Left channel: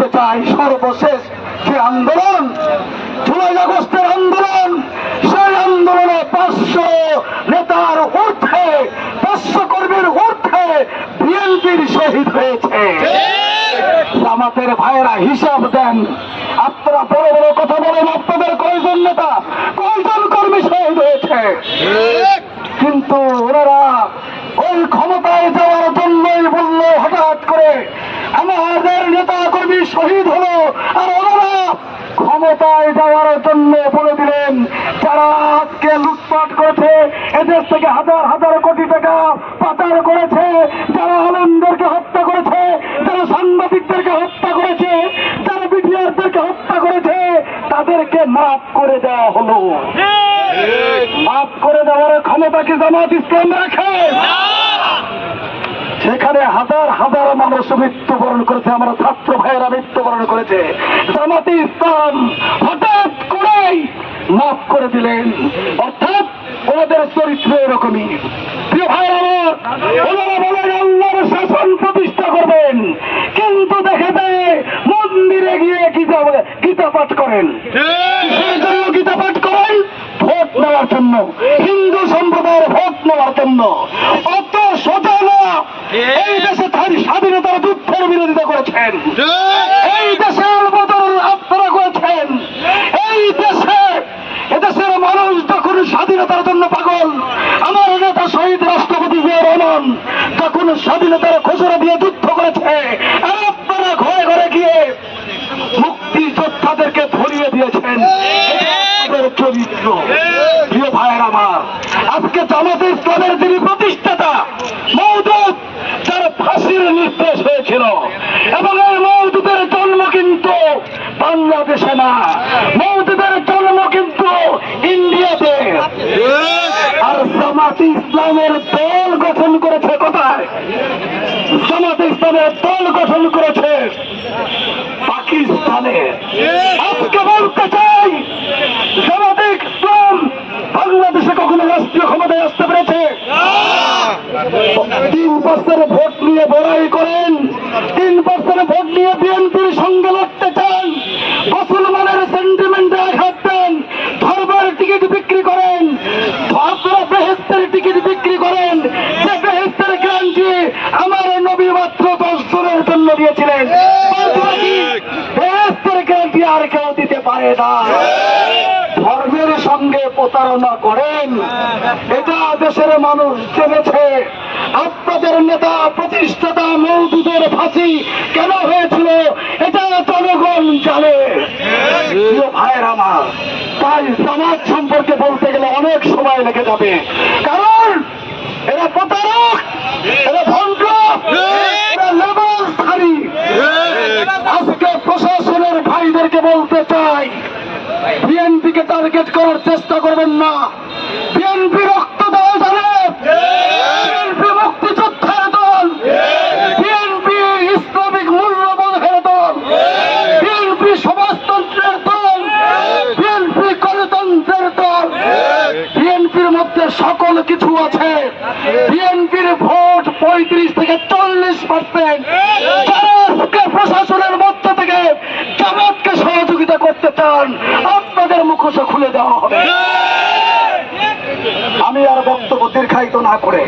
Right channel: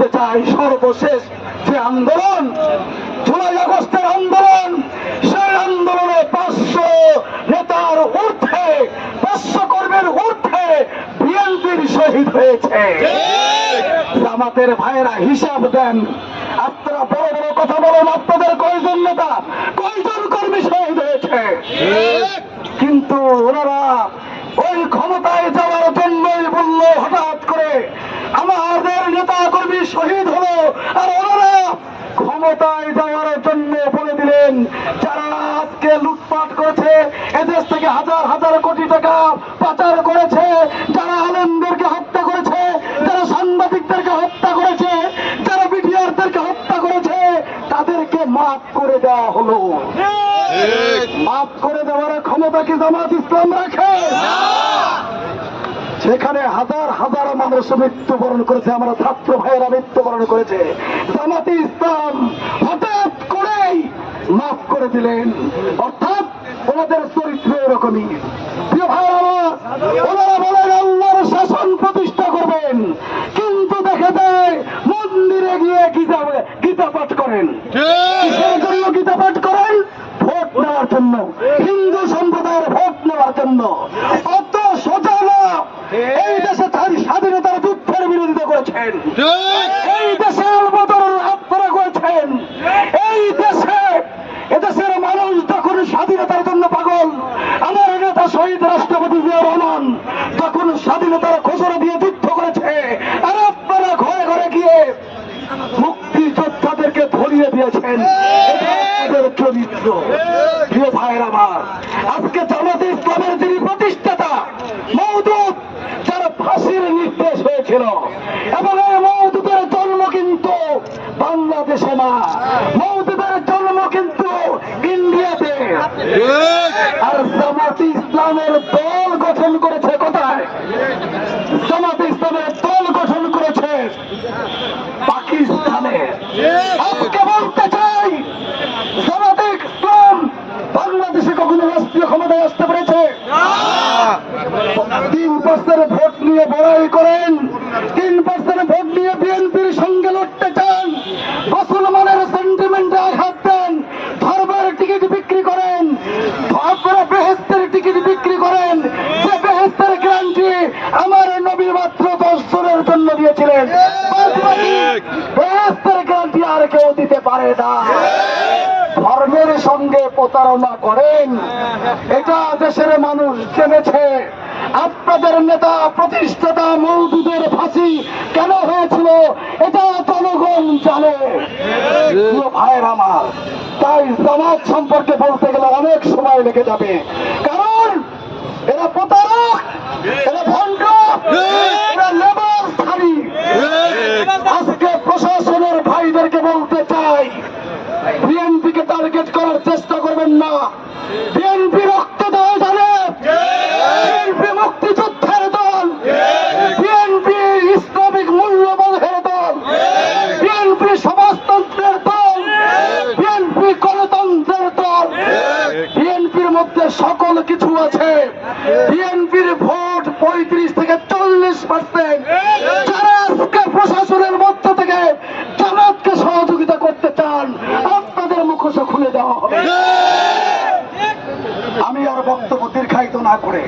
বলতে চাই, সর্বশেষ যে আন্দোলন, জুলাই আগস্টের আন্দোলন, সেই আন্দোলনে 500 নেতার ঊর্ধ্বে, 500 কর্মীর ঊর্ধ্বে বিএনপির শহীদ হয়েছে। জামাতের ভাইয়েরা হিসাব দেন, আপনারা বড় বড় কথা বলেন, আপনাদের কয়জন নেতা, কয়জন কর্মী শহীদ হয়েছে? কিন্তু ওনারা ওই ক্ষমতায় যাওয়ার জন্যই বলল হঠাৎ করে আমাদের নেতা কর্মী শহীদ হলো, আর ওনারা ক্ষমতায় যাওয়ার জন্য বলে দিলেন যারা আজকে লুটপাট করেছে, এদেশ থেকে হাজার হাজার কোটি টাকা পাচার করেছে, যারা আলমদেরকে হত্যা করেছে, যারা সাংবাদিকদেরকে হত্যা করেছে, যারা বিডিআরদেরকে হত্যা করেছে, তাদেরকে মাফ করে দেওয়া হলো। মাফ করে দেওয়ার ক্ষমতা কি জামাত ইসলাম রাখে? সেখানে হাজার হাজার মানুষ মৃত্যুবরণ করেছে, আমার ছাত্র ভাইয়েরা মৃত্যুবরণ করেছে। জামাতে ইসলাম হঠাৎ করেই মাফ করে দিলেন, অর্থাৎ ওদের চরিত্র এরকমই। প্রিয় ভাইয়েরা, ওনারা বলেন আল্লাহর শাসন প্রতিষ্ঠা করবেন, কিন্তু দেখে দেয় মন্দিরে গিয়ে গীতা পাঠ করেন। কিসের জন্য গীতা পাঠ করেন? ভোট নেওয়ার জন্য, হিন্দু সম্প্রদায়ের ভোট নেওয়ার জন্য। অত সোজা না। এই দেশে স্বাধীনতার যুদ্ধের বিরোধিতা করেছেন, এই দেশের বদল আপনারা করেছেন, এই দেশে এদেশের মানুষ যখন স্বাধীনতার জন্য পাগল, আমার নেতা শহীদ রাষ্ট্রপতি জিয়া রহমান তখন স্বাধীনতার ঘোষণা দিয়ে যুদ্ধ করেছে, আপনারা ঘরে ঘরে গিয়ে মুক্তিযোদ্ধাদেরকে ধরিয়ে দিয়েছেন। চরিত্র। প্রিয় ভাইয়ের আমার, আজকে জামাতে ইসলামের যিনি প্রতিষ্ঠাতা মওদুদ, যার ফাঁসির নির্দেশ হয়েছিল, এবং এই মওদুদের জন্ম কিন্তু বাংলাদেশে না, মওদুদের জন্ম কিন্তু ইন্ডিয়াতে। আর জামাতে ইসলামের দল গঠন করেছে কোথায়? জামাতে ইসলামের দল গঠন করেছে পাকিস্তানে। আজকে বলতে চাই, জামাতে ইসলাম বাংলাদেশে কখনো রাষ্ট্রীয় ক্ষমতায় আসতে পেরেছে? 3% ভোট নিয়ে বড়াই করেন, 3% ভোট নিয়ে বিএনপির সঙ্গে লড়তে চান, মুসলমানের সেন্টিমেন্টে আঘাত দেন, ধর্মের টিকিট বিক্রি করেন, আপনারা বেহেশতের টিকিট বিক্রি করেন, যে বেহেশতের গ্যারান্টি আমার নবী মাত্র 10 জনের জন্য দিয়েছিলেন, বেহেশতের গ্যারান্টি আর কেউ দিতে পারে না। ধর্মের সঙ্গে প্রতারণা করেন, এটা দেশের মানুষ জেনেছে। আপনাদের নেতা প্রতিষ্ঠাতা মওদুদের ফাঁসি কেন হয়েছিল এটা জনগণ জানে। ভাইয়ের আমার, তাই জামাত সম্পর্কে বলতে গেলে অনেক সময় লেগে যাবে, কারণ এরা প্রতারক, এরা ভণ্ড, এরা লেবাসধারী। আজকে প্রশাসনের ভাইদেরকে বলতে চাই, বিএনপিকে টার্গেট করার চেষ্টা করবেন না। বিএনপি রক্ত দেওয়া জানে, বিএনপি মুক্তিযুদ্ধের দল, বিএনপি ইসলামিক মূল্যবোধের দল, বিএনপি সমাজতন্ত্রের দল, বিএনপি গণতন্ত্রের দল। বিএনপির মধ্যে সকল কিছু আছে। বিএনপির ভোট 35 থেকে 40%। যারা আজকে প্রশাসনের মধ্য থেকে জামাতকে সহযোগিতা করতে চান, আপনাদের মুখোশ খুলে দেওয়া হবে। আমি আর বক্তব্য দীর্ঘায়িত না করে